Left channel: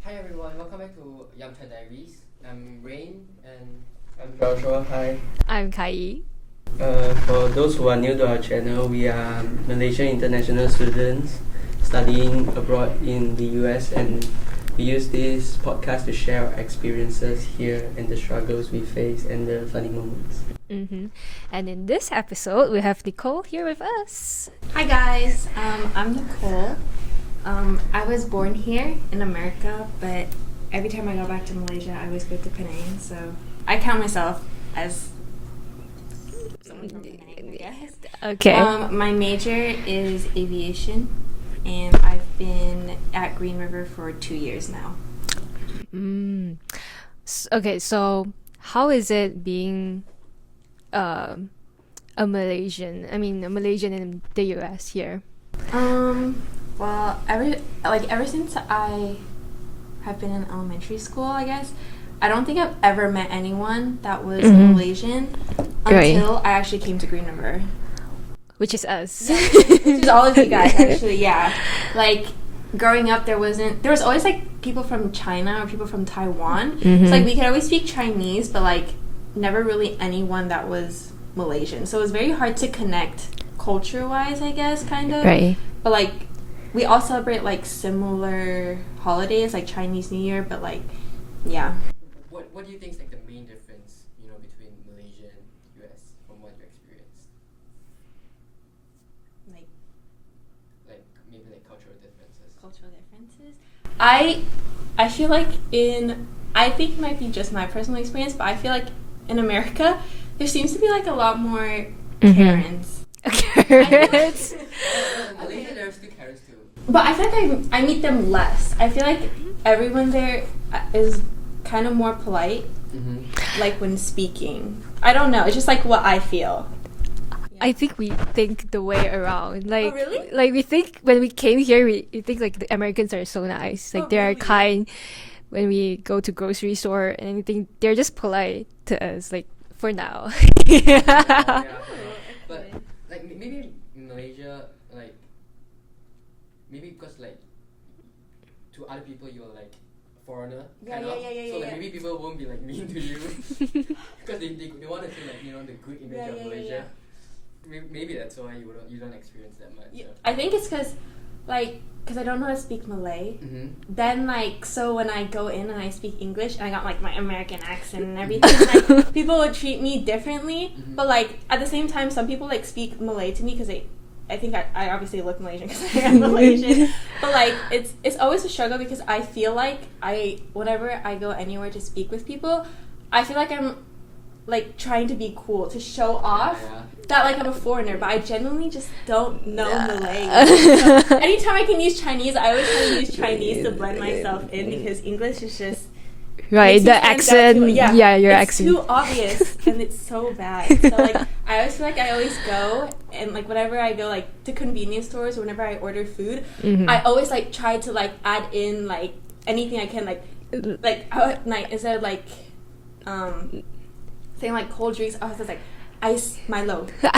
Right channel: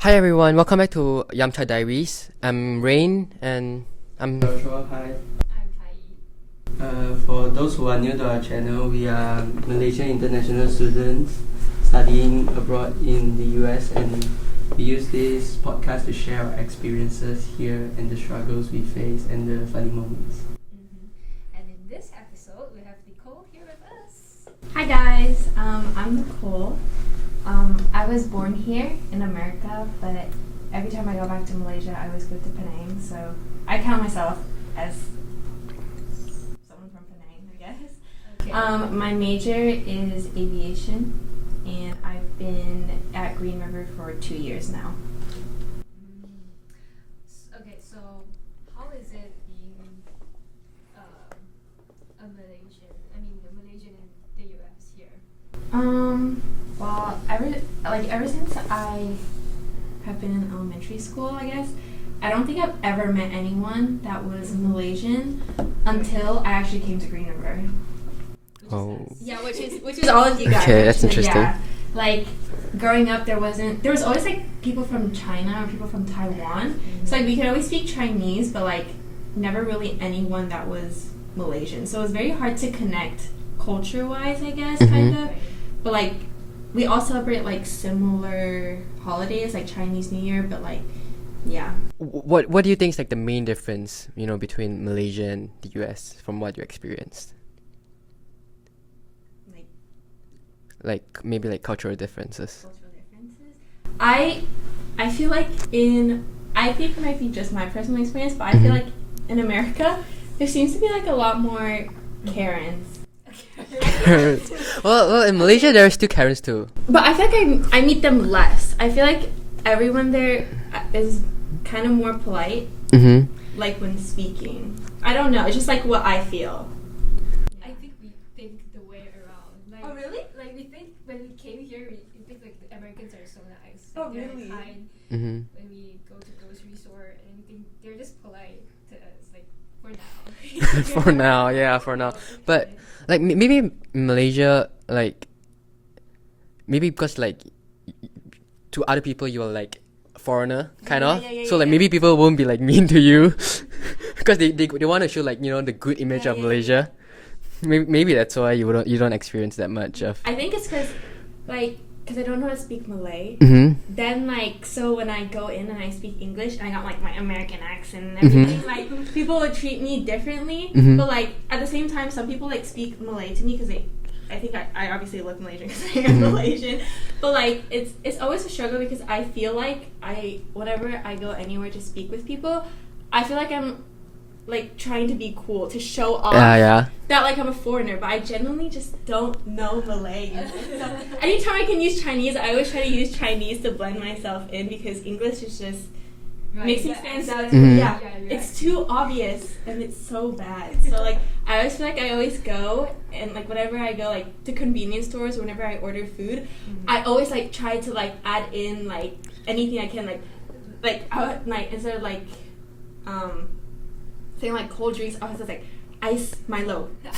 Hi everyone, welcome back to Yumcha Diaries. I'm Rain and I'm Joshua, hi. I'm Kai. For those who are new to our channel, we are Malaysian international students studying abroad in the US, and we use this podcast to share our experiences here and the struggles we face and the funny moments. And in this episode, we have Nicole here with us. Hi guys, I'm Nicole. I was born here in America, but every time I go back to Malaysia, I always go to Penang. So I count myself as someone from Penang, I guess. Okay. My major is aviation, and I've been at Green River for 2 years now. Okay, so how is it being a Malaysian? I mean, a Malaysian in the US here. Well, ever since I have been in elementary school, I guess, I don't think I've ever met anyone that was Malaysian until I actually came to Green River. Which is us. Yeah, which is all of you guys. Okay, that's actually, interesting. yeah. Like growing up, there was always like people from China or people from Taiwan. So like we could always speak Chinese, but like never really anyone that was Malaysian. So it was very hard to connect culture-wise, I guess, kind of. Right. But like we all celebrate like similar holidays, like Chinese New Year, but like yeah. What do you think is like the main difference, between Malaysia and the US from what you experienced? Like maybe like cultural differences. Cultural differences. I feel like I think it might be just my personal experience, but I feel like in America there seems to be like a lot more Karens. well, in Malaysia there are still Karens too. But I feel like I meet them less. I feel like everyone there is kind of more polite, like when speaking. I don't know. It's just like what I feel. I think we think the way around. Like, Oh, really? Like we think when we came here, we think like the Americans are so nice. Like Oh, they are really? kind. When we go to grocery store and anything, they're just polite to us. Like for now. For now. But like maybe in Malaysia, like maybe because like to other people you are like foreigner kind of, so like maybe people won't be like mean to you because they want to show like the good image of Malaysia. Maybe that's why you don't experience that much of. I think it's because I don't know how to speak Malay. Then like so when I go in and I speak English, and I got like my American accent and everything. Like people would treat me differently, but like at the same time, some people like speak Malay to me because I think I obviously look Malaysian because I am Malaysian. But like it's always a struggle because I feel like whenever I go anywhere to speak with people, I feel like I'm like trying to be cool to show off that like I'm a foreigner, but I genuinely just don't know Malay. So anytime I can use Chinese, I always try to use Chinese to blend myself in because English is just Right, makes the me stand accent. out. Yeah, your it's accent. too obvious and it's so bad. So like I always feel like I always go and like whenever I go like to convenience stores or whenever I order food, I always like try to like add in like anything I can like instead of like saying like cold drinks, I was just like ice Milo or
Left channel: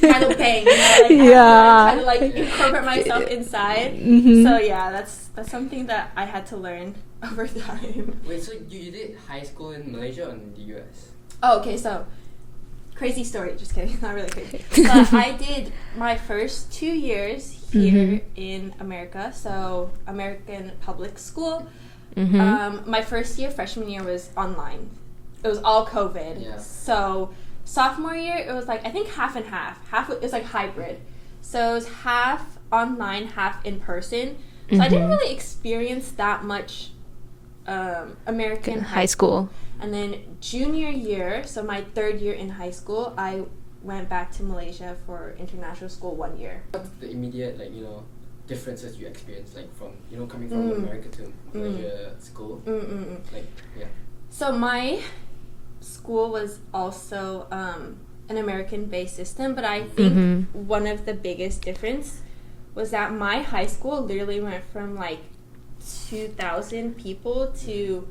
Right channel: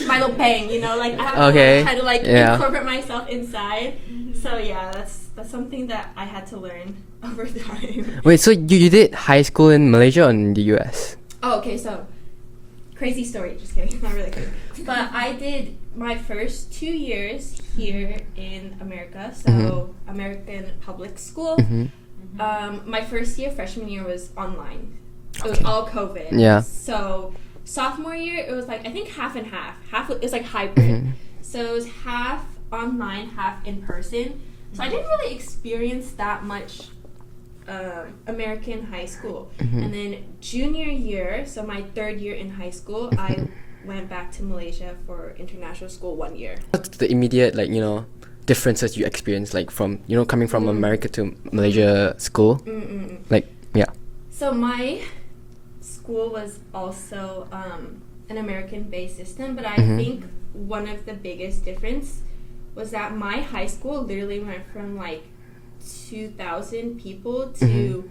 Milo Pang, like I try to like incorporate myself inside. So yeah, that's something that I had to learn over time. Wait, so you did high school in Malaysia or in the US? Oh, okay, so crazy story, just kidding, not really crazy. But I did my first 2 years here in America, so American public school. My first year, freshman year, was online. It was all COVID. Yeah. So sophomore year, it was like I think half and half. Half it was like hybrid. So it was half online, half in person. So I didn't really experience that much American high school. And then junior year, so my third year in high school, I went back to Malaysia for international school 1 year. What's the immediate differences you experienced from coming from America to Malaysia school? Like So my school was also an American-based system, but I think one of the biggest difference was that my high school literally went from like 2,000 people to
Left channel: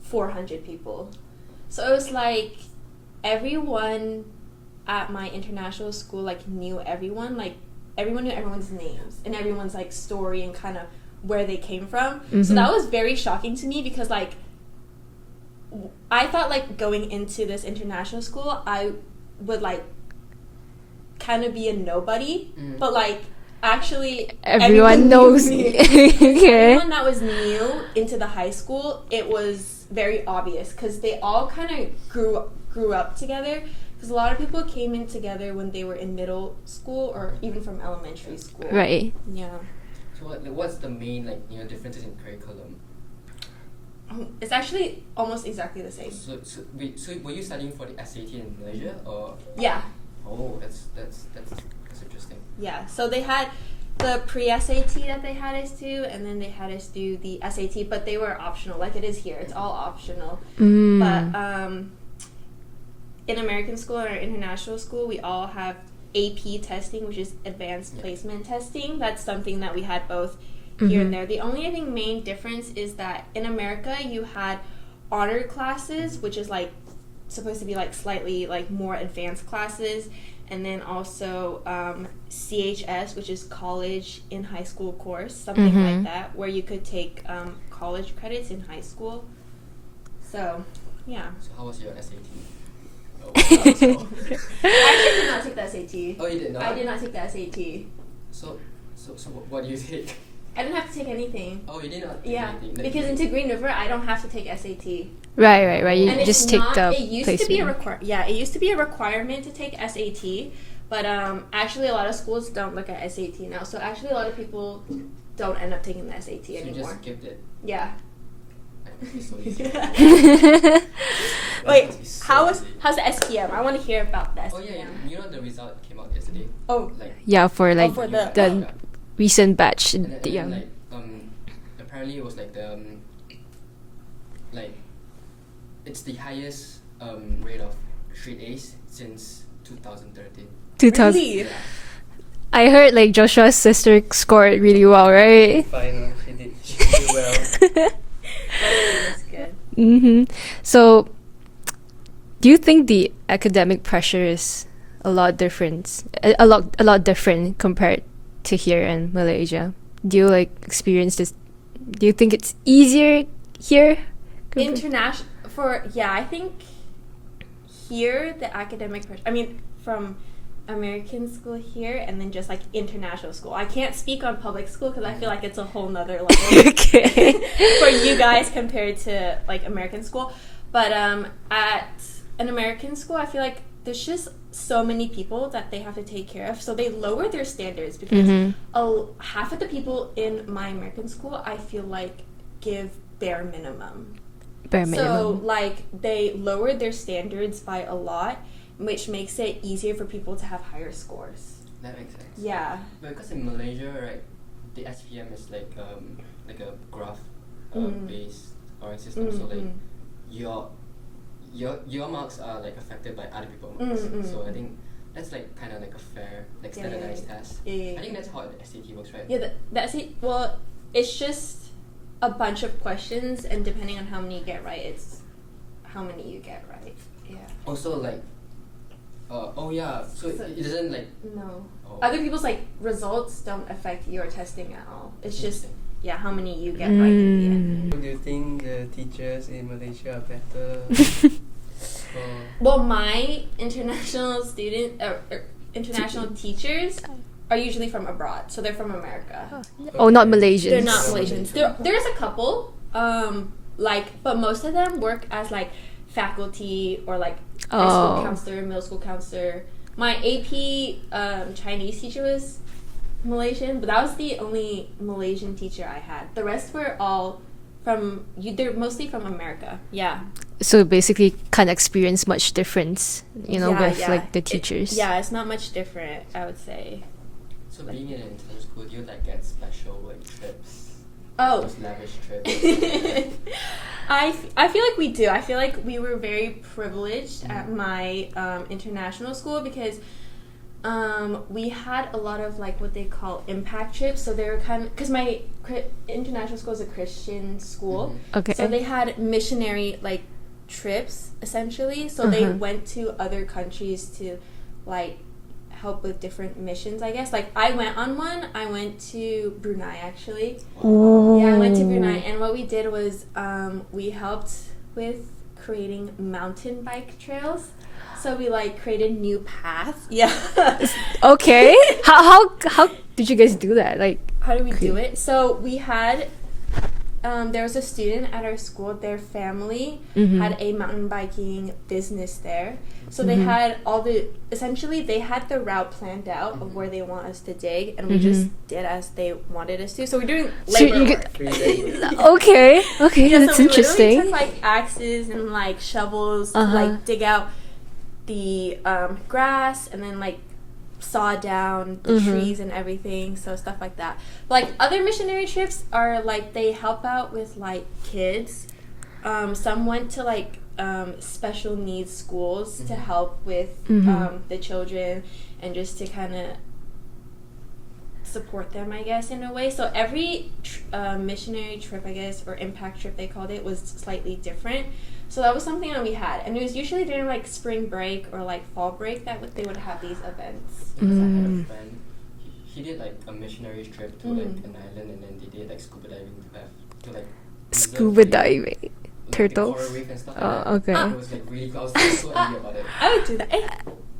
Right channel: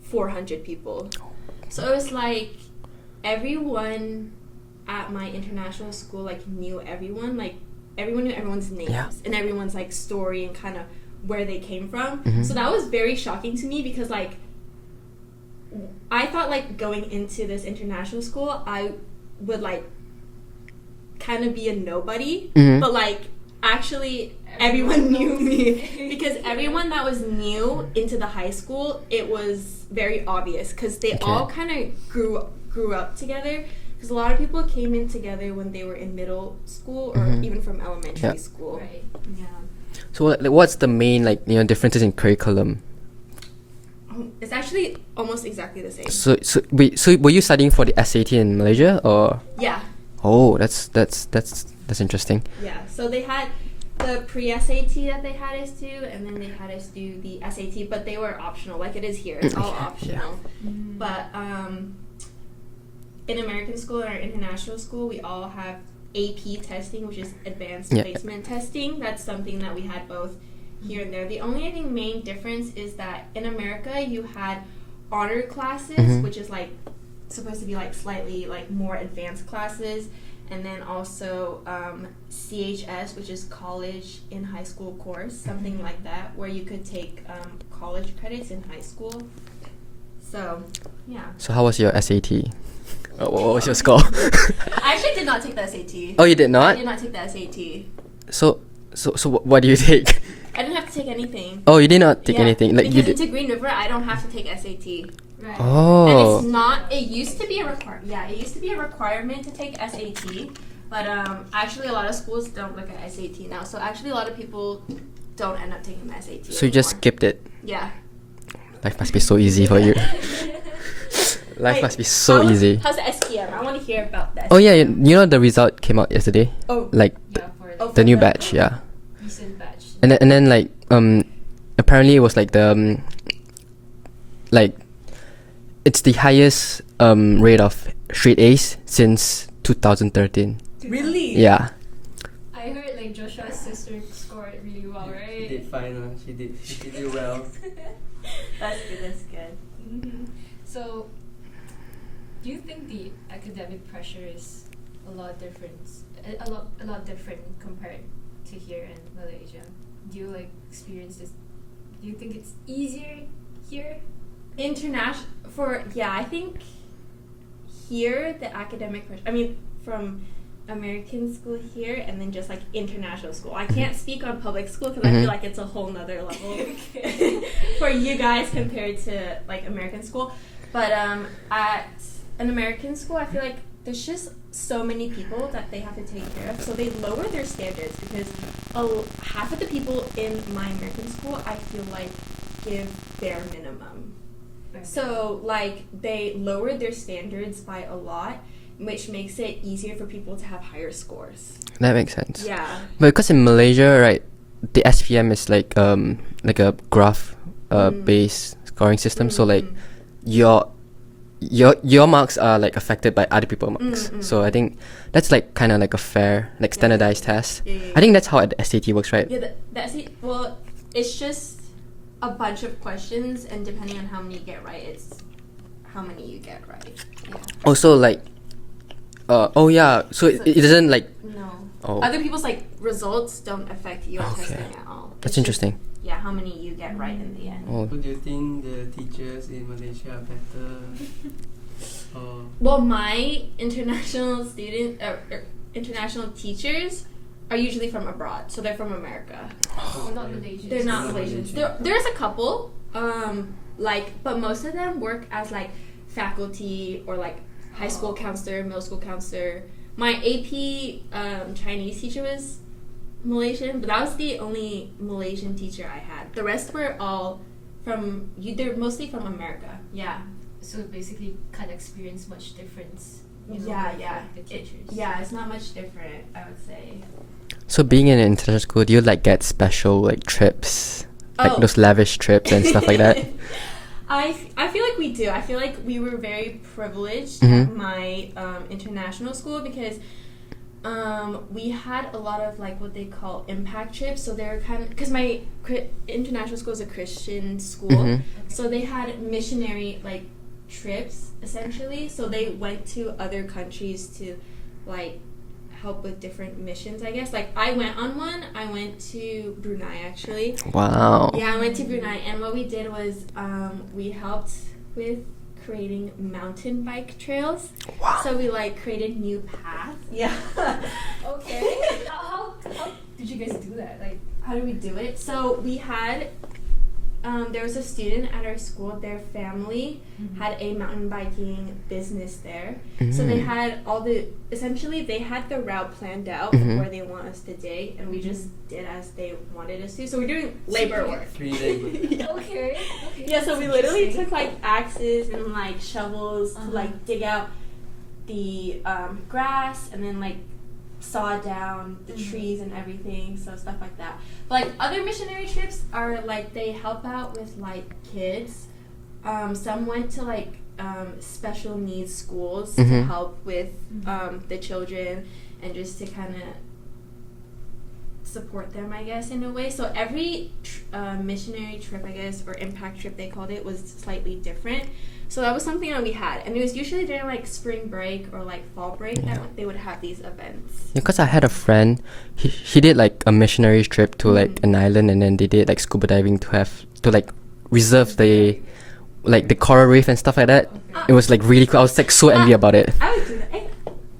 400 people. So it was like everyone at my international school like knew everyone. Like everyone knew everyone's names and everyone's like story and kind of where they came from. Mm-hmm. So that was very shocking to me because like I thought like going into this international school I would like kind of be a nobody, Mm-hmm. but like actually Everyone knows knew me. Because Okay. everyone that was new into the high school, it was very obvious because they all kind of grew up together. Because a lot of people came in together when they were in middle school or even from elementary school. Right. Yeah. So like, what's the main like differences in curriculum? It's actually almost exactly the same. So were you studying for the SAT in Malaysia or? Yeah. Oh, that's interesting. Yeah. So they had the pre-SAT that they had us do, and then they had us do the SAT, but they were optional, like it is here. It's all optional. But in American school and our international school, we all have AP testing, which is advanced placement testing. That's something that we had both here and there. The only, I think, main difference is that in America, you had honor classes, which is like supposed to be like slightly like more advanced classes, and then also CHS, which is college in high school course, something like that, where you could take college credits in high school. So, yeah. So how was your SAT? What was your score? I actually did not take the SAT. Oh, you did not? I did not take the SAT. So what do you take? I didn't have to take anything. Oh, you did not take anything. Like because into Green River, I don't have to take SAT. Right. You Oh. just take the It used to be a placement. it used to be a requirement to take SAT, but actually a lot of schools don't look at SAT now. So actually a lot of people don't end up taking the SAT. So you just anymore. skipped it. Yeah. Life must be so easy for you. Life must be so easy. How's the SPM? I want to hear about that. Oh yeah, you know the result came out yesterday. Oh. Like Yeah, for like the new the- batch, the yeah. recent batch. And then like apparently it was like the like it's the highest rate of straight A's since 2013. 2000. Really? Yeah. I heard like Joshua's sister scored really well, right? Fine, she did do well. That's good. So, do you think the academic pressure is a lot different? A lot different compared to here in Malaysia? Do you like experience this? Do you think it's easier here? International I think here the academic pressure. I mean, from American school here and then just like international school. I can't speak on public school because I feel like it's a whole nother level Okay. for you guys compared to like American school. But at an American school, I feel like there's just so many people that they have to take care of, so they lower their standards because half of the people in my American school, I feel like, give bare minimum. So like they lowered their standards by a lot, which makes it easier for people to have higher scores. That makes sense. Yeah. But because in Malaysia, right, the SPM is like a graph based scoring system. So like your marks are like affected by other people's marks. So I think that's like kind of like a fair, like standardized test. Yeah. I think that's how the SAT works, right? Yeah, well, it's just a bunch of questions, and depending on how many you get right, it's how many you get right. Yeah. Also like, so it doesn't like. No. Oh. Other people's like results don't affect your testing at all. That's It's interesting. Just, yeah, how many you get right in the end. Oh. Do you think the teachers in Malaysia are better? Or Well, my international teachers are usually from abroad, so they're from America. Oh, not Malaysians. They're not Malaysians. There's a couple, but most of them work as like faculty or like high school counselor, middle school counselor. My AP Chinese teacher was Malaysian, but that was the only Malaysian teacher I had. The rest were all they're mostly from America. Yeah. So basically, can't experience much difference, with like the teachers. It's not much different, I would say. So being in an international school, do you like get special like trips, like those lavish trips and stuff like that? I feel like we do. I feel like we were very privileged at my international school because we had a lot of like what they call impact trips. So they were because my international school is a Christian school. Okay. So they had missionary like trips essentially. So they went to other countries to like help with different missions, I guess. Like, I went on one. I went to Brunei, actually. Wow. Yeah, I went to Brunei, and what we did was we helped with creating mountain bike trails. Wow. So we like created new paths. Yeah. Okay. How did you guys do that? Like, How do we do it? So we had there was a student at our school. Their family had a mountain biking business there. So they had essentially they had the route planned out of where they want us to dig, and we just did as they wanted us to. So we're doing labor work. 3 days. okay, Yeah, that's so we literally interesting. took like axes and like shovels to like dig out the grass, and then like saw down the trees and everything, so stuff like that. But like other missionary trips are like they help out with like kids. Some went to like special needs schools to help with the children and just to kind of support them, I guess, in a way. So every missionary trip, I guess, or impact trip they called it, was slightly different. So that was something that we had, and it was usually during like spring break or like fall break that they would have these events. Because I had a friend, he did like a missionary trip to like an island, and then they did like scuba diving to like reserve Scuba the diving. like the Turtles? coral reef and stuff like that. Okay. It was like really cool. I was like so envy about it. I would do that. Hey,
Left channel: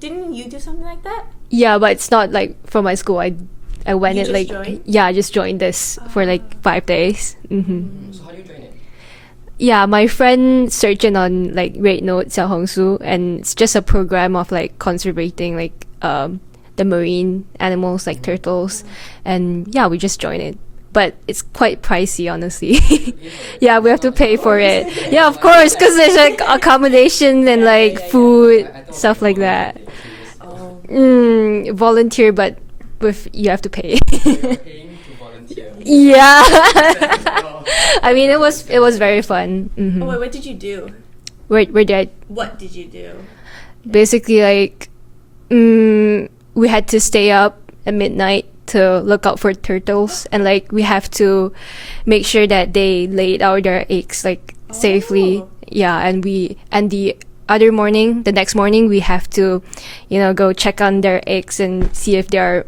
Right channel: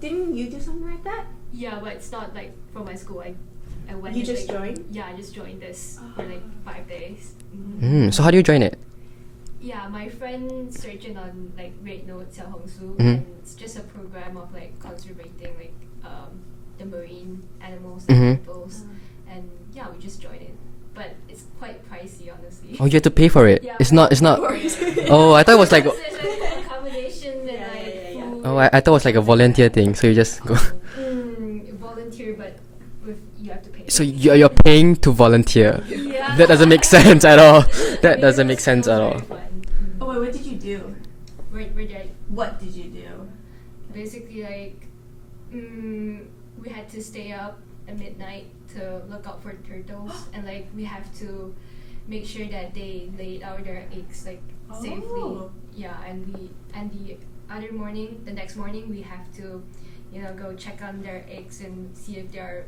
didn't you do something like that? Yeah, but it's not like from my school. I went You it just like joined? yeah, I just joined this for like 5 days. So how do you join it? Yeah, my friend searched it on like Rate Note, Xiaohongshu, and it's just a program of like conservating like the marine animals like turtles, and yeah, we just joined it. But it's quite pricey, honestly. Oh, you have to pay for it. Yeah, we It's have not- to it's pay not- for it. Oh, Yeah, I of thought it was course, like- because there's like accommodation and like food. Oh, I thought it was like a stuff volunteer that. thing, so you just go. Volunteer, but with you have to pay. So you're paying to volunteer. Yeah. That doesn't make sense at all. I mean, it That doesn't make was sense at very all. fun. Oh wait, what did you do? Where did I What did you do? basically like we had to stay up at midnight to look out for turtles, and like we have to make sure that they laid out their eggs like safely. Oh. Yeah, and the next morning we have to go check on their eggs and see if they are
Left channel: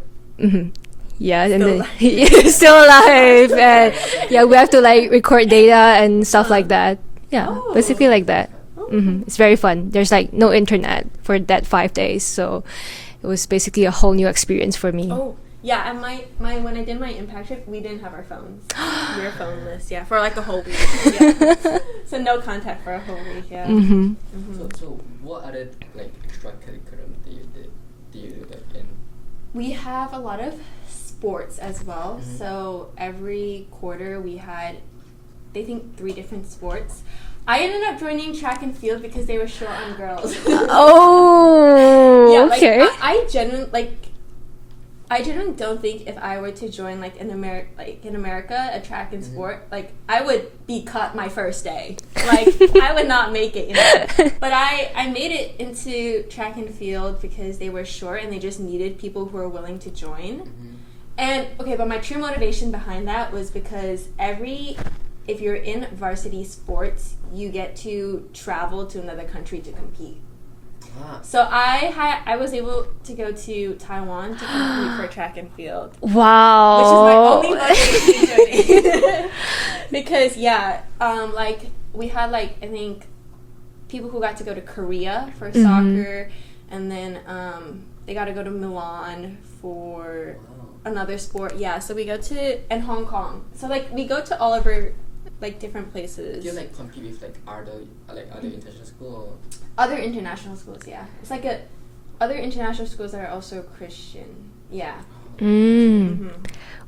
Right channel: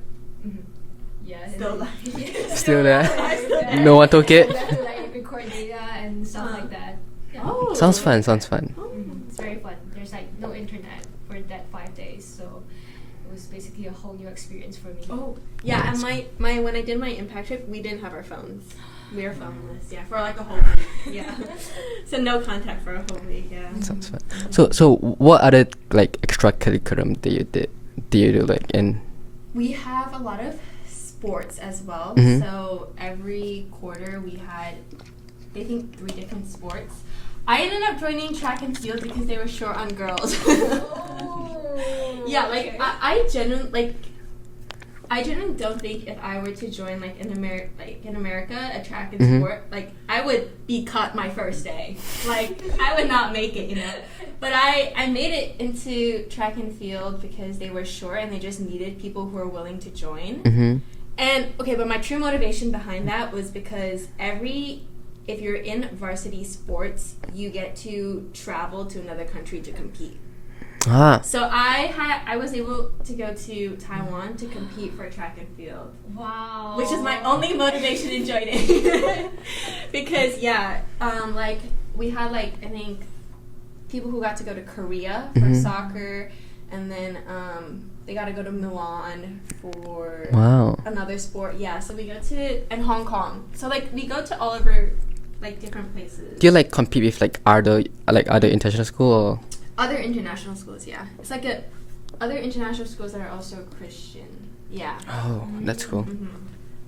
yeah, and Still then still alive, and No one took yeah, it? we have to like record data and stuff like that. Yeah, Oh. Sounds basically fun, like sounds that. fun. It's very fun. There's like no internet for that 5 days, so it was basically a whole new experience for me. Oh yeah, and my when I did my impact trip, we didn't have our phones. We were phoneless, yeah, for like a whole week. Yeah. So no contact for a whole week. Yeah. So what other like extracurriculum do you do like in? We have a lot of sports as well. So every quarter we had, I think, 3 different sports. I ended up joining track and field because they were short on girls. Oh, Yeah, like, okay. I genuinely don't think if I were to join like in America a track and sport, like I would be cut my first day. Like I would not make it, But I made it into track and field because they were short and they just needed people who were willing to join. And okay, but my true motivation behind that was because if you're in varsity sports, you get to travel to another country to compete. So I was able to go to Taiwan to compete for track and field, Wow. which is my only motivation to joining. Because like we had like I think people who got to go to Korea for soccer, and then they got to go to Milan for another sport. Yeah, so we go to and Hong Kong. So like we go to all of our like different places. Do you like compete with like other international school or? Other international schools, yeah. It's like other international schools that are also Christian. Yeah. Oh, that's cool.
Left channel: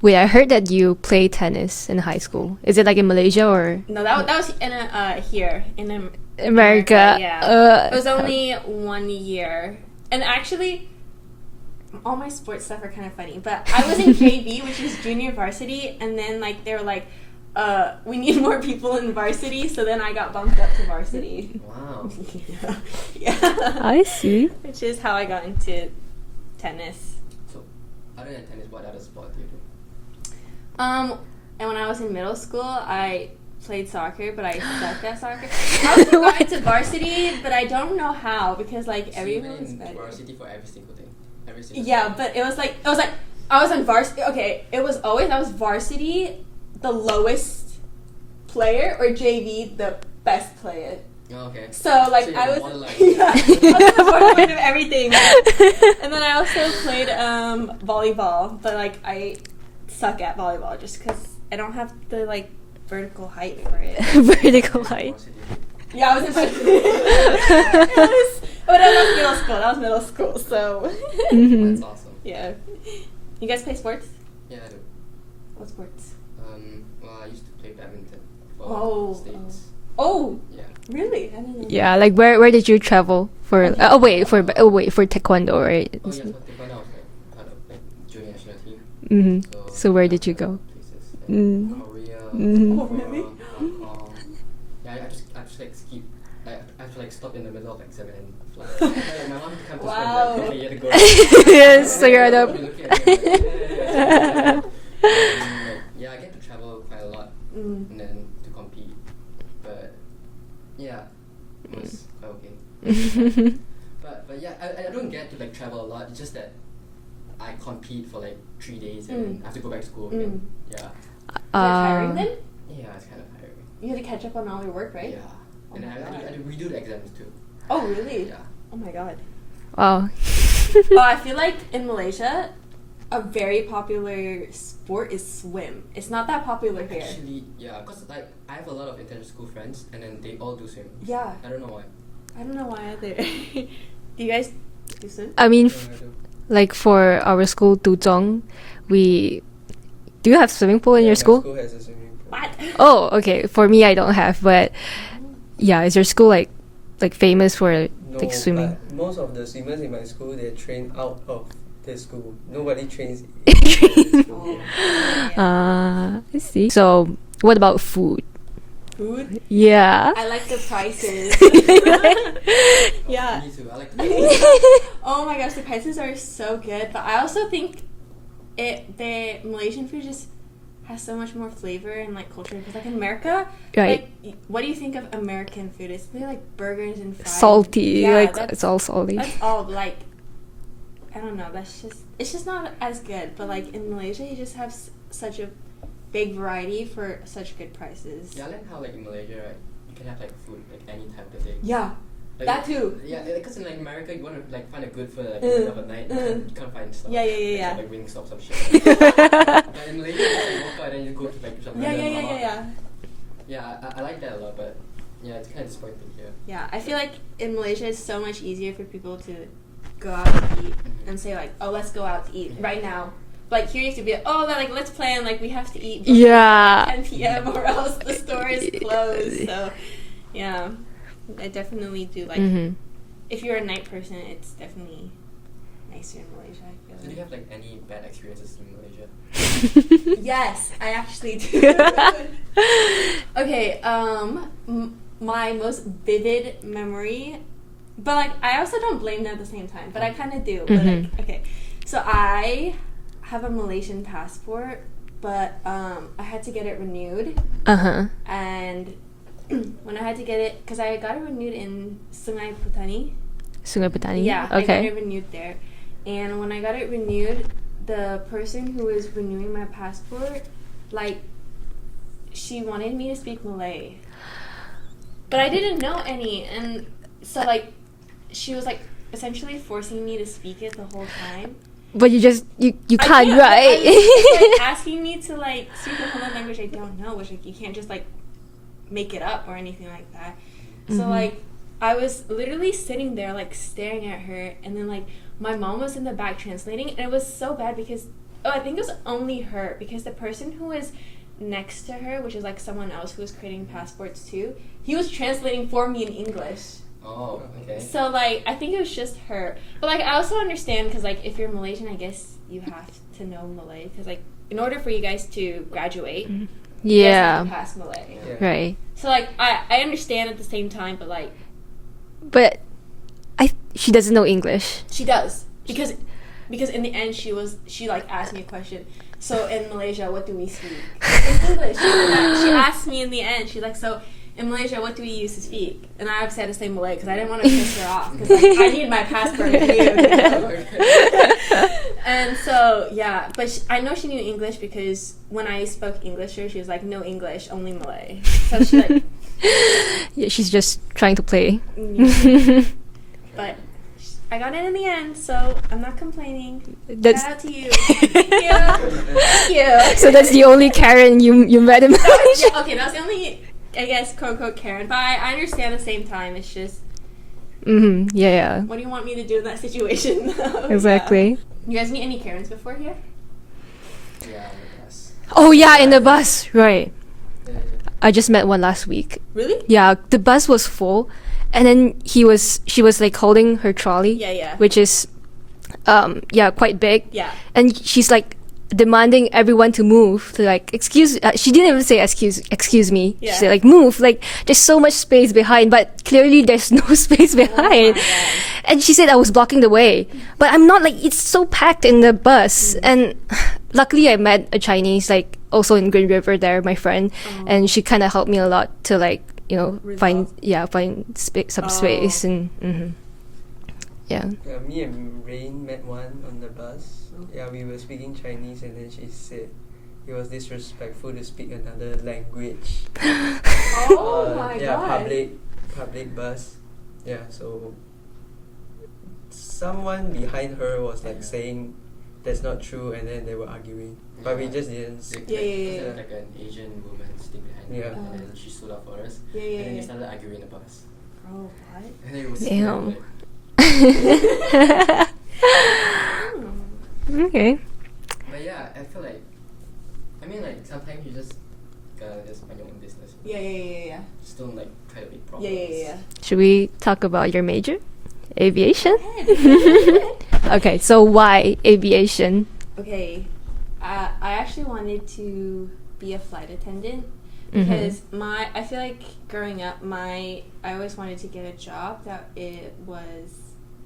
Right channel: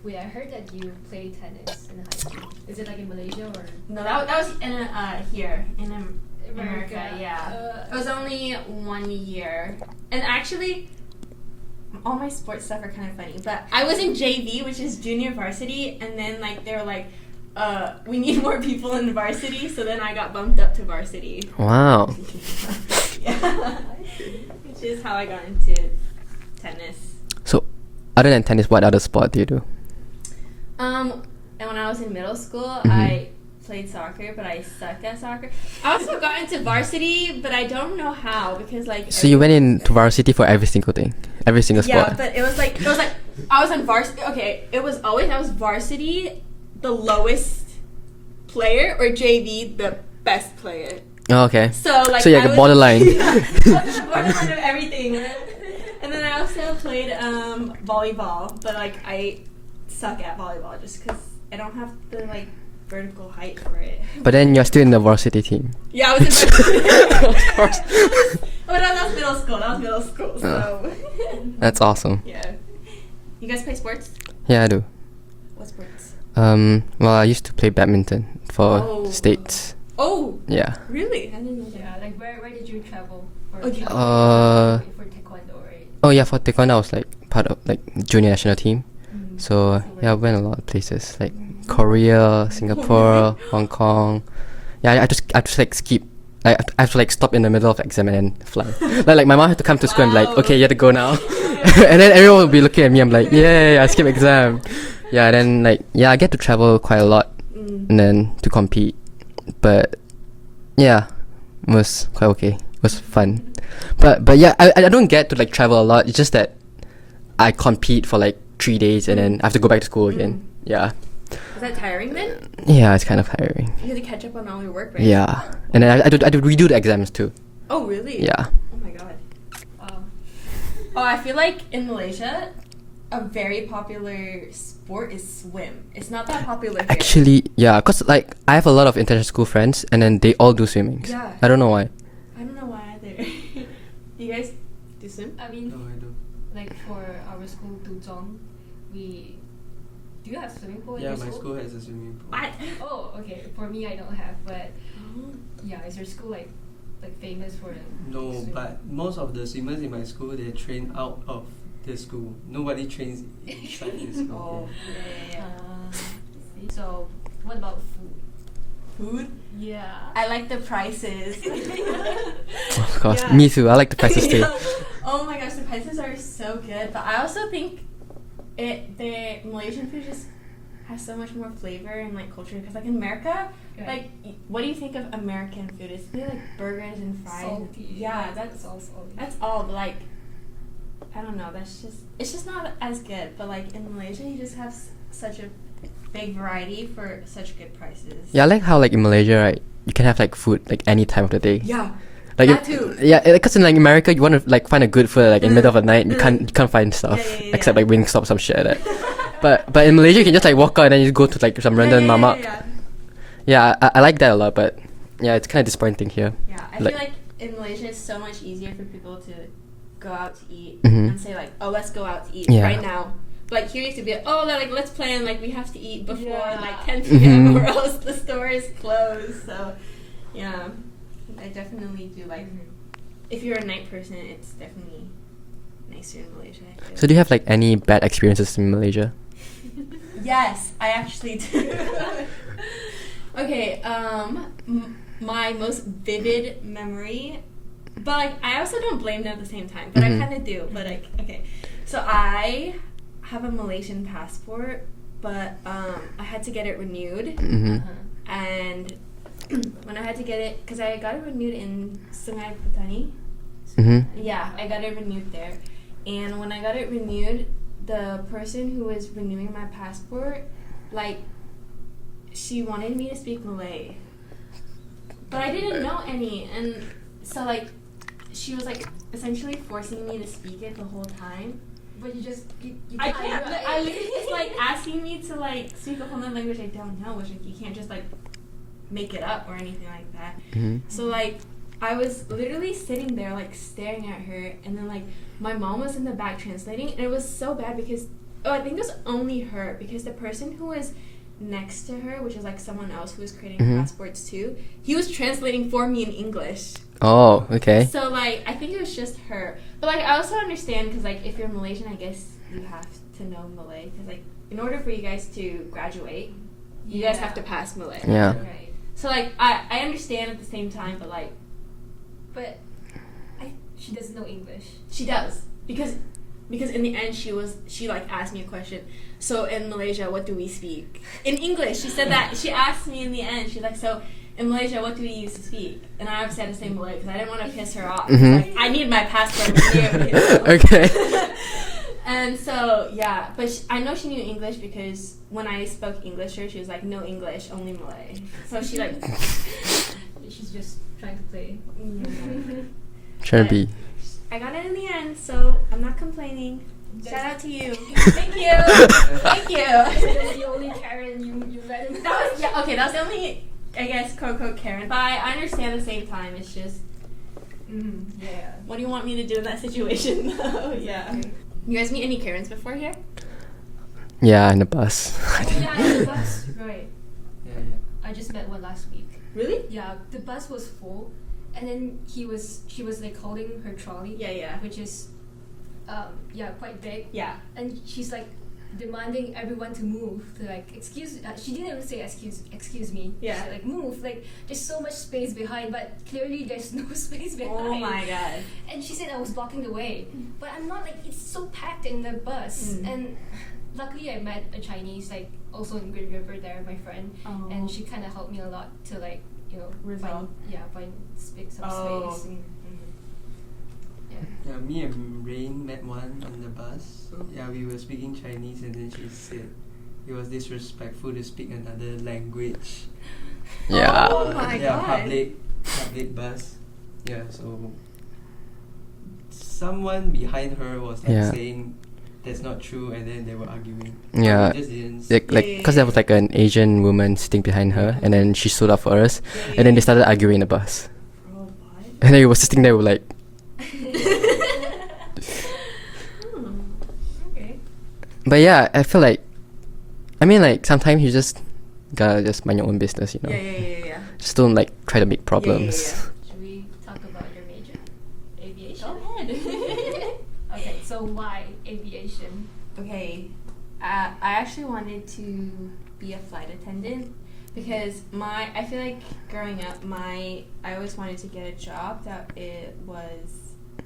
Wait, I heard that you play tennis in high school. Is it like in Malaysia or No, that was in here in America? Yeah. It was only 1 year, and actually, all my sports stuff are kind of funny. But I was in JV, which is junior varsity, and then like they were like, we need more people in varsity, so then I got bumped up to varsity. Wow. Yeah. I see. Which is how I got into tennis. So, other than tennis, what other sport do you do? And when I was in middle school, I played soccer, but I sucked at soccer. I also got into varsity, but I don't know how because like. So you went everyone was into varsity for every single thing, every single sport. Yeah, but it was like I was on varsity. Okay, it was always I was varsity, the lowest player, or JV, the best player. Oh, okay. So like So yeah, the borderline. Yeah, the borderline of everything. And then I also played volleyball, but like I suck at volleyball just because I don't have the like vertical height for it. But then you're still in the varsity team. Yeah, I was in varsity. But that was middle school. That was middle school. So That's awesome. yeah. You guys play sports? Yeah, I do. What sports? Well, I used to play badminton for Oh. states. Oh, Yeah. really? I didn't know. Yeah, like where did you travel for? Okay. For taekwondo, right? Oh yeah, for taekwondo I was like part of like junior national team. Mm-hmm. So where yeah, did I you went go? a lot of places like Mm. Korea, Mm. Singapore, Hong Kong. Yeah, I just like skip. Like I have to like stop in the middle of exam and then fly. like my mom had to come to school and like, Wow. okay, you have to go now. Yes, And then yeah, everyone no. would be looking at me. I'm like, yeah, I skip exam. Yeah, then like I get to travel quite a lot and then to compete. But yeah, it was quite okay. It was fun. But yeah, I don't get to like travel a lot. It's just that I compete for like 3 days and then I have to go back to school again. Yeah. Is that tiring then? Yeah, it's kind of tiring. You have to catch up on all your work, right? Yeah. And then I do redo the exams too. Oh, really? Yeah. Oh my god. Wow. Oh, I feel like in Malaysia, a very popular sport is swim. It's not that popular here. Actually, yeah, cause like I have a lot of international school friends and then they all do swimming. Yeah. I don't know why. I don't know why either. Do you guys do swim? I mean, like for our school, Duzhong, we do you have swimming pool in your school? School has a swimming pool. What? Oh, okay. For me, I don't have, but yeah, is your school like famous for No, like swimming? but most of the swimmers in my school, they train out of the school. Nobody trains in the school. Yeah. I see. So, what about food? Food? Yeah. I like the prices. Of course, Yeah. me too. I like the prices too. Oh my gosh, the prices are so good. But I also think the Malaysian food just has so much more flavor and like culture. Because like in America, Right. like, what do you think of American food? It's like burgers and fries. Salty. Yeah, like that's, it's all salty. that's all. But like, I don't know. It's just not as good. But like in Malaysia, you just have such a big variety for such good prices. Yeah, I like how like in Malaysia, right, you can have like food like any time of the day. Yeah. Like That too. Yeah, because in like America, you want to like find a good food like in the middle of the night. You can't find stuff Yeah, except yeah. like Wingstop, some shit like that. but in Malaysia, you can just like walk out and then you go to like some random mama. Yeah, I like that a lot. But yeah, it's kind of disappointing here. Yeah, I Like- feel like in Malaysia it's so much easier for people to go out to eat Mhm. and say like, oh, let's go out to eat Yeah. right now. Like here used to be, oh, like let's plan, like we have to eat before Yeah. 10 p.m. Mhm. or else the store is closed. So, yeah, I definitely do like. Mm-hmm. If you're a night person, it's definitely nicer in Malaysia. I feel. So do you have like any bad experiences in Malaysia? Yes, I actually do. Okay, my most vivid memory, but like I also don't blame them at the same time, but I Mhm. kind of do. But like, Mhm. okay, so I have a Malaysian passport, but I had to get it renewed, Mhm. Uh-huh. and when I had to get it, because I got it renewed in Sungai Petani. Sungai Mhm. Petani. Yeah, I got Okay. it renewed there. And when I got it renewed, the person who was renewing my passport, like, she wanted me to speak Malay. But I didn't know any. And so, like, she was, like, essentially forcing me to speak it the whole time. But you just you I can't, but right? it's, like, asking me to, like, speak a whole language I don't know, which, like, you can't just, like, make it up or anything like that. Mhm. So Mhm. like I was literally sitting there like staring at her, and then like my mom was in the back translating, and it was so bad because I think it was only her, because the person who was next to her, which is like someone else who was creating Mhm. passports too, he was translating for me in English. Oh, okay. So like I think it was just her, but like I also understand because like if you're Malaysian, I guess you have to know Malay, because like in order for you guys to graduate, you guys have to Yeah. pass Malay. Yeah. Right. So like I understand at the same time, but like But she doesn't know English. she does, because in the end she like asked me a question. So in Malaysia, what do we speak? In English, she said that. She asked me in the end. She's like, so in Malaysia, what do we use to speak? And I said to say Malay because I didn't want to piss her off. Like, I need my passport too. Okay. And so, yeah. But I know she knew English because when I spoke English to her, she was like, no English, only Malay. So she like... Yeah, she's just trying to play. Trying to be. I got it in the end, so I'm not complaining. That's Shout out to you. Thank you. Thank you. so that's the only Karen you met in Malaysia. Yeah, okay, that's the only, I guess, quote unquote Karen. But I understand at the same time. It's just, Yeah. what do you want me to do in that situation? Exactly. Yeah. You guys meet any Karens before here? Yeah, in the bus. Oh yeah, in the bus, right? Yeah. I just met one last week. Really? Yeah, the bus was full, and then she was like holding her trolley, Yeah. which is, quite big. Yeah. And she's like demanding everyone to move, to like excuse. She didn't even say excuse me. Yeah. She said like move. Like there's so much space behind, but clearly there's no space Oh my behind. gosh. And she said I was blocking the way, but I'm not. Like it's so packed in the bus, and luckily I met a Chinese like also in Green River there, my friend, and she kind of helped me a lot to like find some space and yeah. Yeah, me and Rain met one on the bus. Yeah, we were speaking Chinese and then she said it was disrespectful to speak another language. Yeah. Oh my yeah, God. public bus. Yeah, so someone behind her was like Yeah. saying that's not true, and then they were arguing. Yeah. But we just didn't. Because there was like an Asian woman sitting behind her, and then she stood up for us, and then they started arguing in the bus, Oh, what? and then we were sitting there, we were like, Okay. but yeah, I feel like, I mean, like sometimes you just gotta just mind your own business, you know. Yeah. Just don't like try to make problems. Yeah. Should we talk about your major? Aviation? Okay, so why aviation? Okay, I actually wanted to be a flight attendant because I feel like growing up, I always wanted to get a job that it was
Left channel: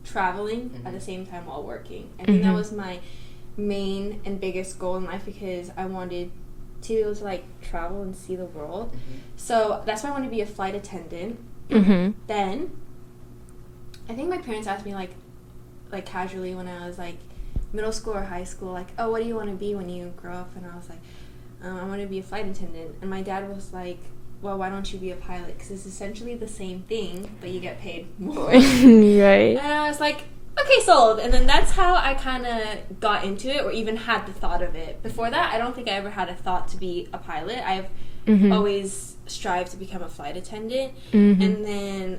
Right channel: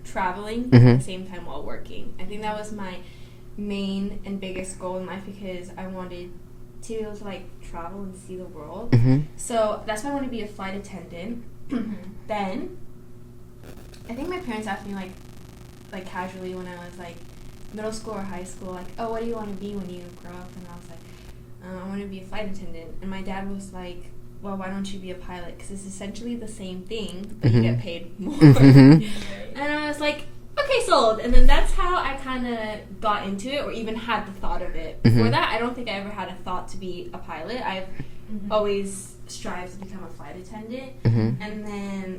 traveling at the same time while working. I think that was my main and biggest goal in life because I wanted to like travel and see the world. So that's why I wanted to be a flight attendant. Then I think my parents asked me like casually when I was like middle school or high school, like, oh, what do you want to be when you grow up? And I was like, I want to be a flight attendant. And my dad was like, well, why don't you be a pilot? Because it's essentially the same thing, but you get paid more. Right. And I was like, okay, sold. And then that's how I kind of got into it, or even had the thought of it. Before that, I don't think I ever had a thought to be a pilot. I've always strived to become a flight attendant. And then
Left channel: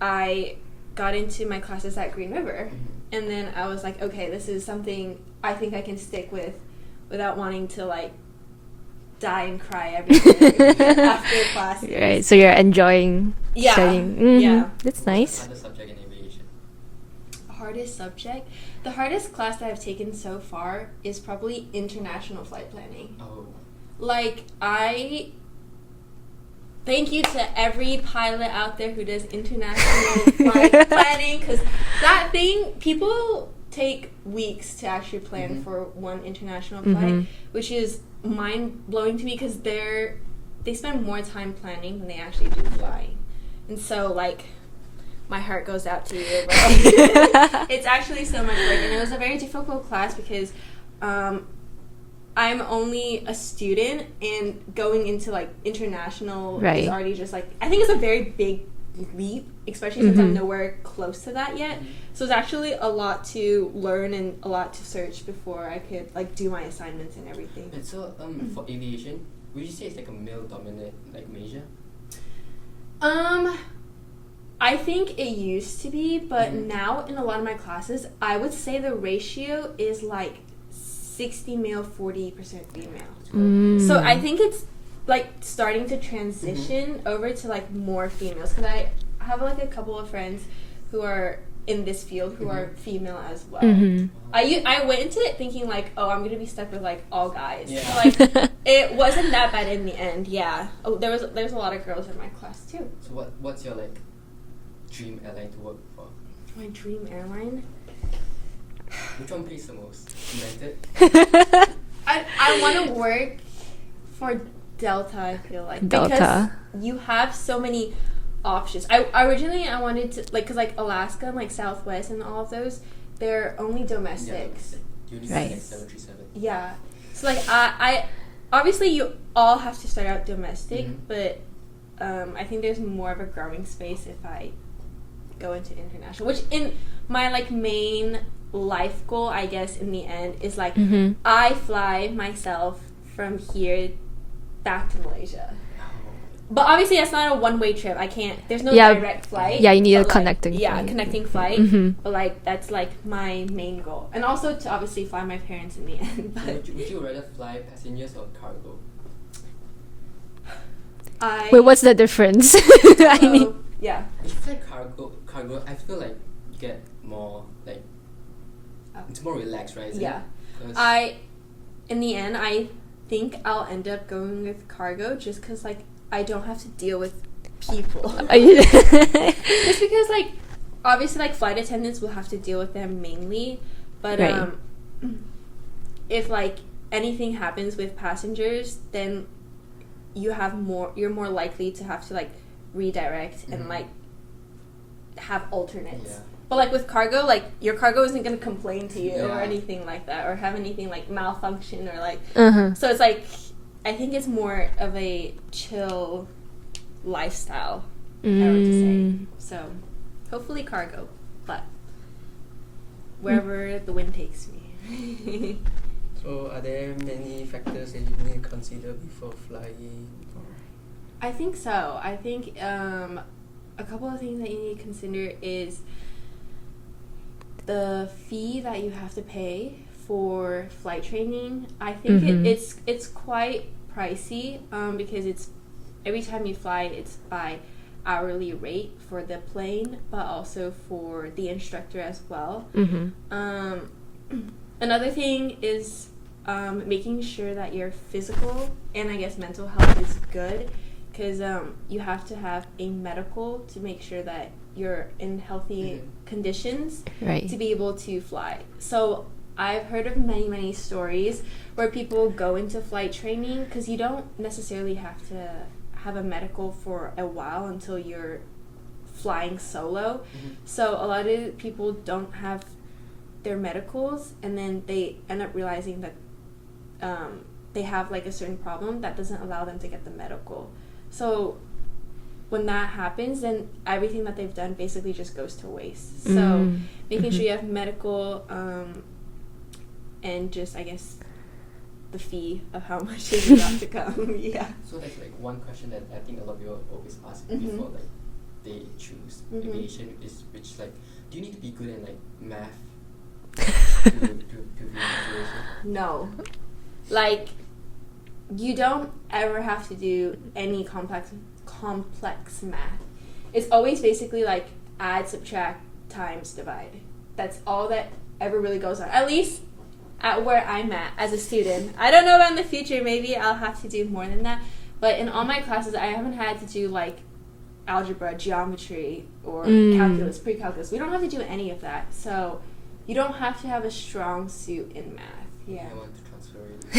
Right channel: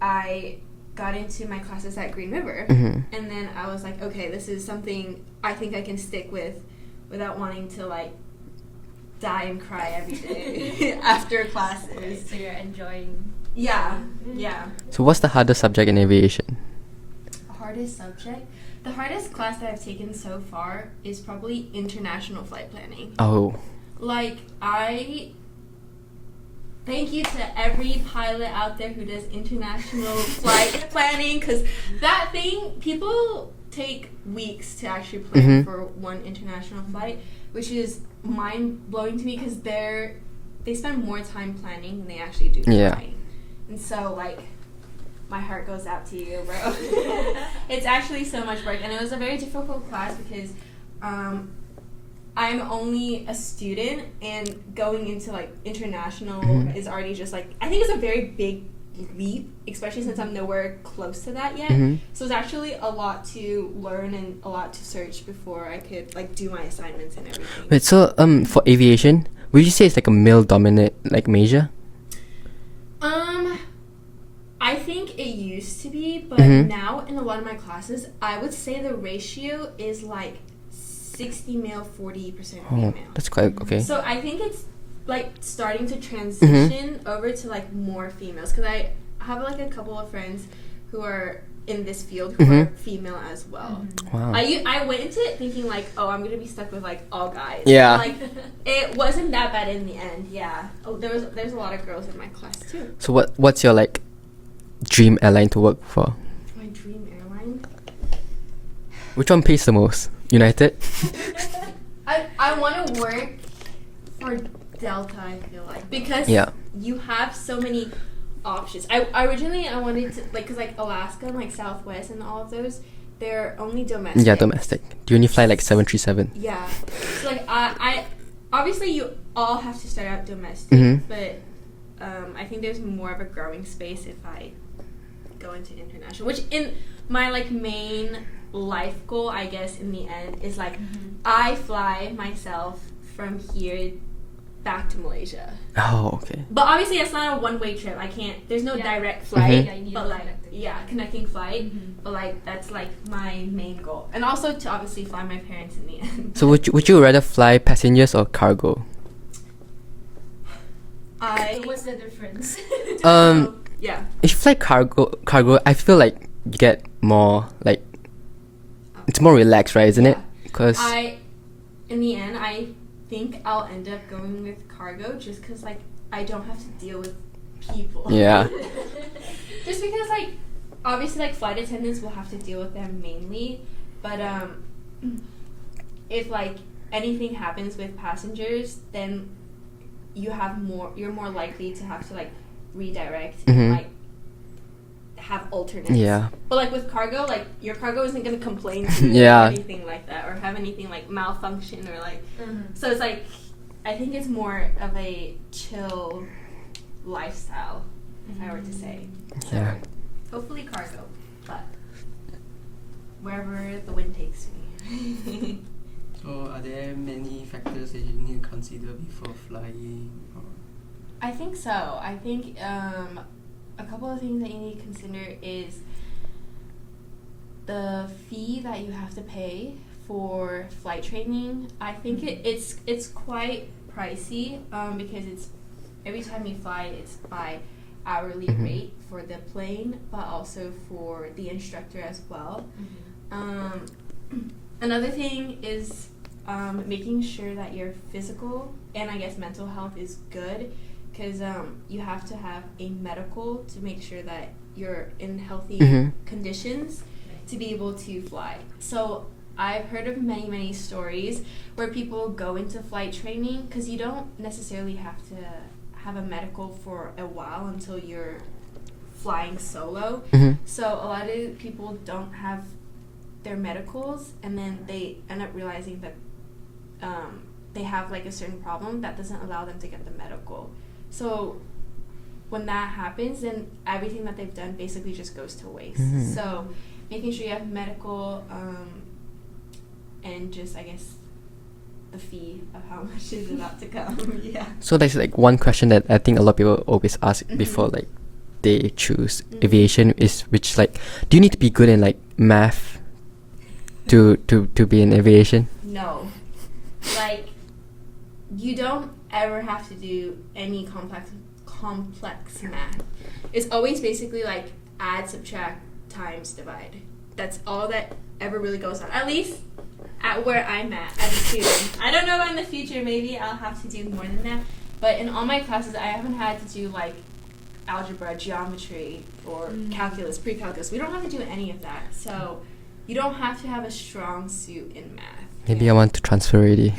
I got into my classes at Green River. And then I was like, okay, this is something I think I can stick with without wanting to like die and cry every day after classes. Right, so you're enjoying studying. Yeah. That's So what's the nice. hardest subject in aviation? Hardest subject? The hardest class that I've taken so far is probably international flight planning. Oh. Like, thank you to every pilot out there who does international flight planning, because that thing, people take weeks to actually plan for one international flight, which is mind-blowing to me because they spend more time planning than they actually do flying. And so, like, my heart goes out to you, bro. It's actually so much work, and it was a very difficult class because I'm only a student, and going into like international is already just like, I think it's a very big leap, especially since I'm nowhere close to that yet. So it's actually a lot to learn and a lot to search before I could like do my assignments and everything. Wait, so for aviation, would you say it's like a male-dominant like major? I think it used to be, but now in a lot of my classes, I would say the ratio is like 60 male, 40% female. That's quite okay. So I think it's like starting to transition over to like more females, because I have like a couple of friends who are in this field who are female as well. Wow. I went into it thinking like, oh, I'm gonna be stuck with like all guys. Yeah. Like, it wasn't that bad in the end. Yeah. Oh, there's a lot of girls in my class too. So what's your like dream airline to work for? My dream airline. Which one pays the most? United? I want to work for Delta, I feel like. Delta. Because Yeah. you have so many options. I originally I wanted to like because like Alaska and like Southwest and all of those, they're only domestic. Yeah, domestic. Do you only fly like 737? Yeah. So like I obviously you all have to start out domestic, Mhm. but I think there's more of a growing space if I go into international. Which in my like main life goal, I guess, in the end is like I fly myself from here back to Malaysia. Oh, okay. But obviously that's not a one-way trip. I can't. There's no Yeah. direct flight. Yeah, you need a but, like, connecting Yeah, flight. connecting flight. Mhm. But like that's like my main goal, and also to obviously fly my parents in the end. So would you rather fly passengers or cargo? Wait, what's the difference? Yeah. If you fly cargo, I feel like you get more like it's more relaxed, right? Isn't it? Yeah. Because In the end, I think I'll end up going with cargo just because like I don't have to deal with people. Yeah. Just because like obviously like flight attendants will have to deal with them mainly, but Right. if like anything happens with passengers, then you're more likely to have to like redirect and Mhm. like have alternates. Yeah. But like with cargo, like your cargo isn't gonna complain to you Yeah. or anything like that, or have anything like malfunction or like. Uh-huh. So it's like, I think it's more of a chill lifestyle. If I were to say. So Yeah. hopefully cargo, but wherever the wind takes me. So are there many factors that you need to consider before flying? Or I think so. I think a couple of things that you need to consider is the fee that you have to pay for flight training. I think Mhm. it's quite pricey because it's every time you fly, it's by hourly Mhm. rate for the plane, but also for the instructor as well. Mm-hmm. Another thing is making sure that your physical and I guess mental health is good, because you have to have a medical to make sure that you're in healthy Mhm. conditions Right. to be able to fly. So I've heard of many stories where people go into flight training because you don't necessarily have to have a medical for a while until you're flying solo. Mhm. So a lot of people don't have their medicals, and then they end up realizing that they have like a certain problem that doesn't allow them to get the medical. So when that happens, then everything that they've done basically just goes to waste. Mhm. So Mm. making Mhm. sure you have medical and just I guess the fee of how much is about to come. Yeah. So there's like one question that I think a lot of people always ask Mhm. before like they choose Mhm. aviation is which like do you need to be good in like math to be in aviation? No. Like, you don't ever have to do any complex math. It's always basically like add, subtract, times, divide. That's all that ever really goes on. At least at where I'm at as a student. I don't know about in the future. Maybe I'll have to do more than that. But in all my classes, I haven't had to do like algebra, geometry, or calculus, pre-calculus. We don't have to do any of that. So you don't have to have a strong suit in math. Maybe Yeah. I want to transfer already.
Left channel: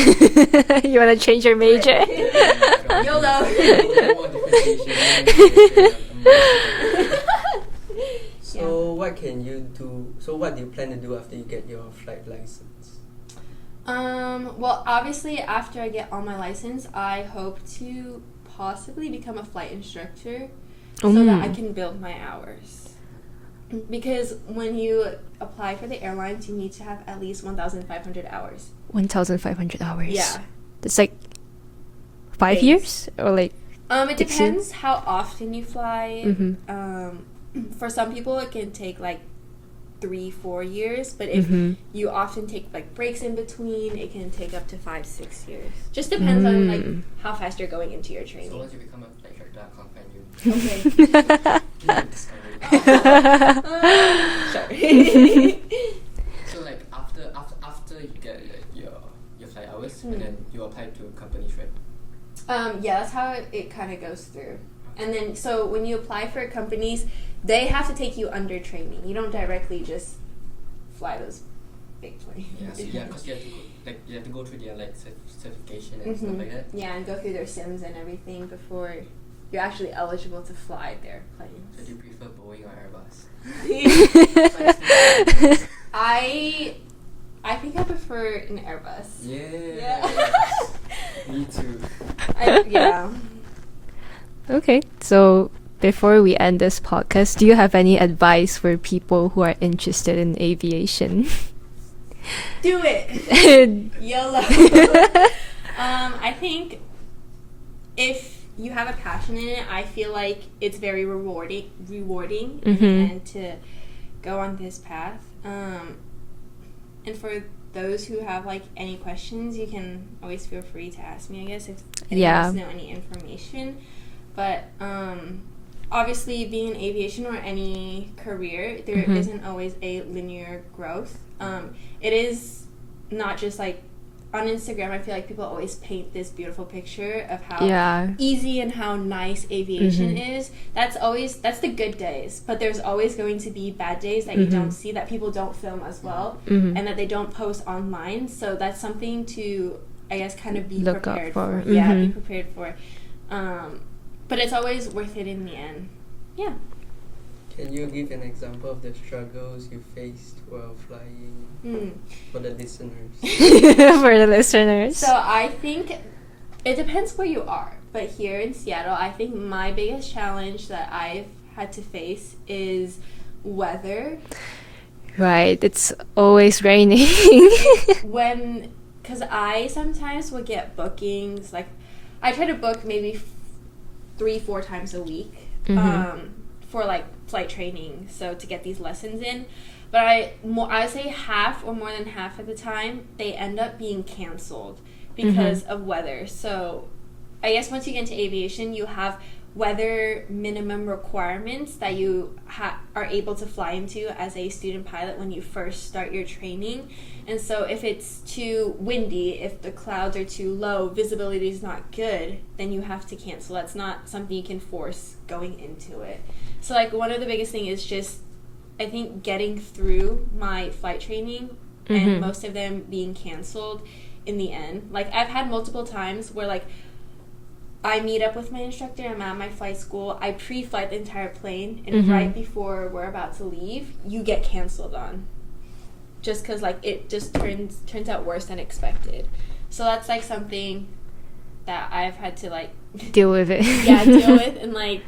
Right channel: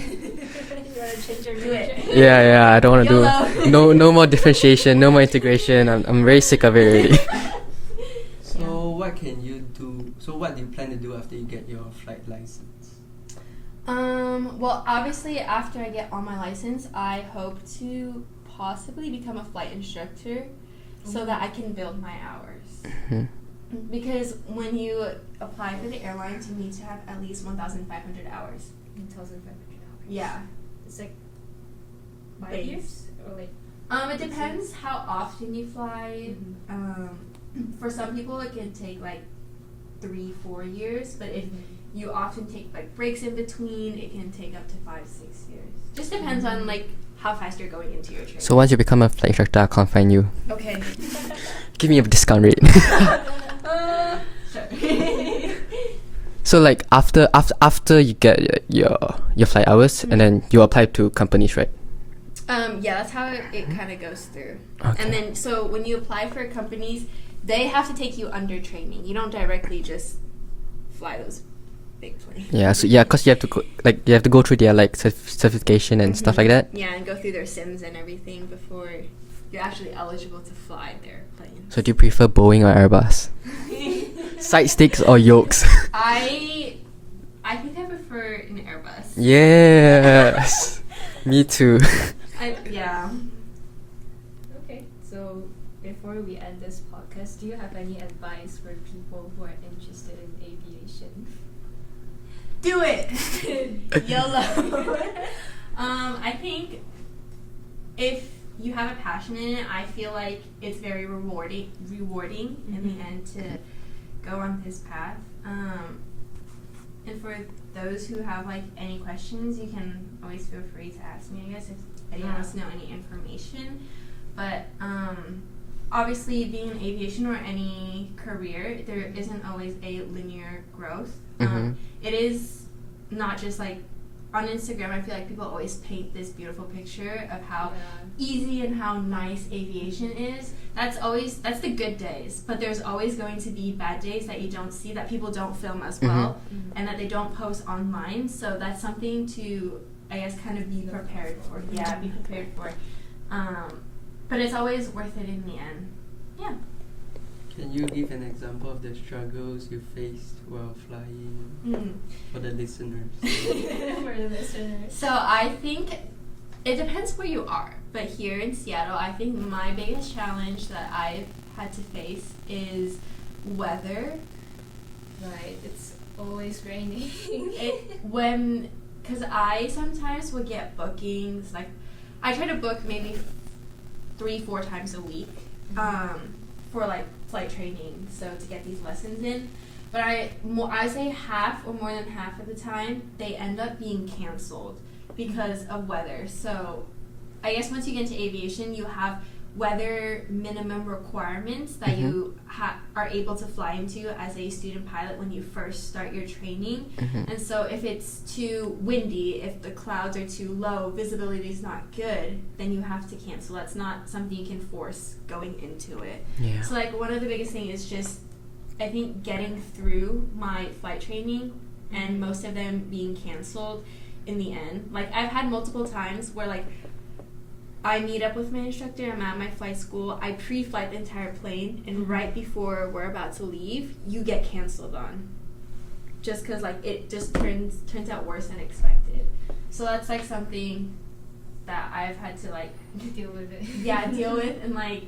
You want to change your major? Yeah, I don't want to YOLO. do no more differentiation, no more integration. I'm very sick of it already. so what can you do? So what do you plan to do after you get your flight license? Well, obviously, after I get all my license, I hope to possibly become a flight instructor so that I can build my hours. Mhm. Because when you apply for the airlines, you need to have at least 1,500 hours. 1,500 hours. Yeah. That's like 5 Days. years or like. It Takes depends how often you fly. Mhm. For some people, it can take like 3-4 years, but if Mhm. you often take like breaks in between, it can take up to 5-6 years. Just depends on like how fast you're going into your training. So once you become a flight instructor, I'll come find you. Okay. Give me a discount rate. Sure. So like after you get your flight hours and then you apply to companies, right? Yeah, that's how it kind of goes through. Okay. And then, so when you apply for companies, they have to take you under training. You don't directly just fly those big plane. Yeah, so yeah, cause you have to go through their like certification and stuff like that. Yeah, and go through their sims and everything before you're actually eligible to fly their plane. So do you prefer Boeing or Airbus? Side sticks or yolks? I think I prefer an Airbus. Yes, me too. Yeah. Okay, so before we end this podcast, do you have any advice for people who are interested in aviation? Do it. YOLO. I think if you have a passion in it, I feel like it's very rewarding and to go on this path. And for those who have like any questions, you can always feel free to ask me, I guess, if anyone wants to know any information. But obviously, being in aviation or any career, there isn't always a linear growth. It is not just like on Instagram. I feel like people always paint this beautiful picture of how easy and how nice aviation is. That's the good days, but there's always going to be bad days that you don't see, that people don't film as well, and that they don't post online. So that's something to, I guess, kind of be prepared for. Yeah, be prepared for. But it's always worth it in the end. Yeah. Can you give an example of the struggles you faced while flying for the listeners? For the listeners. So I think it depends where you are. But here in Seattle, I think my biggest challenge that I've had to face is weather. Right, it's always raining. Because I sometimes will get bookings, like I try to book maybe 3-4 times a week for like flight training, so to get these lessons in. But I say half or more than half of the time they end up being canceled because of weather. So I guess once you get into aviation, you have weather minimum requirements that you are able to fly into as a student pilot when you first start your training. And so if it's too windy, if the clouds are too low, visibility is not good, then you have to cancel. That's not something you can force going into it. Yeah. So like one of the biggest thing is just, I think, getting through my flight training and most of them being canceled in the end. Like I've had multiple times where like I meet up with my instructor, I'm at my flight school, I pre-flight the entire plane, and right before we're about to leave, you get canceled on. Just because, like, it just turns out worse than expected. So that's, like, something that I've had to, like... deal with it. Deal with and, like,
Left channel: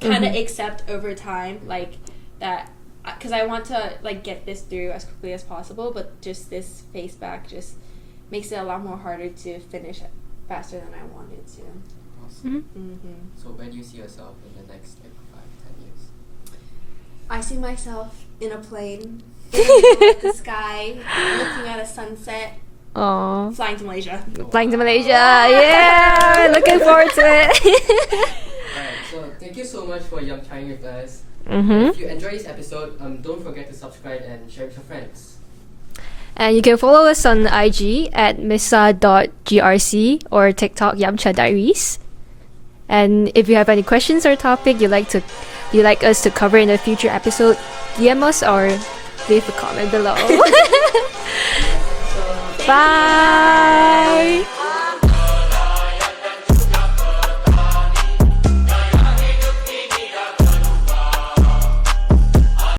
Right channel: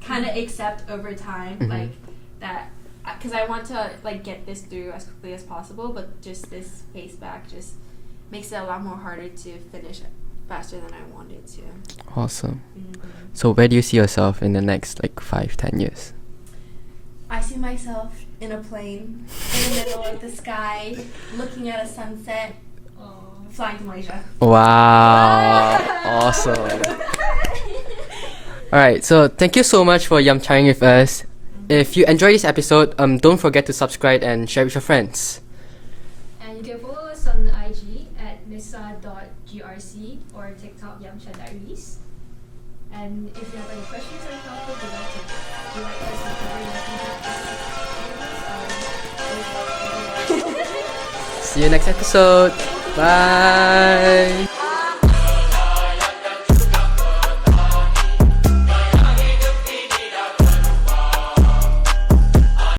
kind of accept over time, like, that... Because I want to, like, get this through as quickly as possible, but just this face back just makes it a lot more harder to finish it faster than I wanted to. Awesome. So where do you see yourself in the next like 5-10 years? I see myself in a plane in the middle of the sky, looking at a sunset, flying to Malaysia. Wow. Flying to Malaysia, yeah! Awesome. Looking forward to it. Alright, so thank you so much for Yumchaing with us. If you enjoyed this episode, don't forget to subscribe and share with your friends. And you can follow us on IG at misa.grc or TikTok Yumcha Diaries. And if you have any questions or topic you'd like us to cover in a future episode, DM us or leave a comment below. See you next episode. Bye. Bye.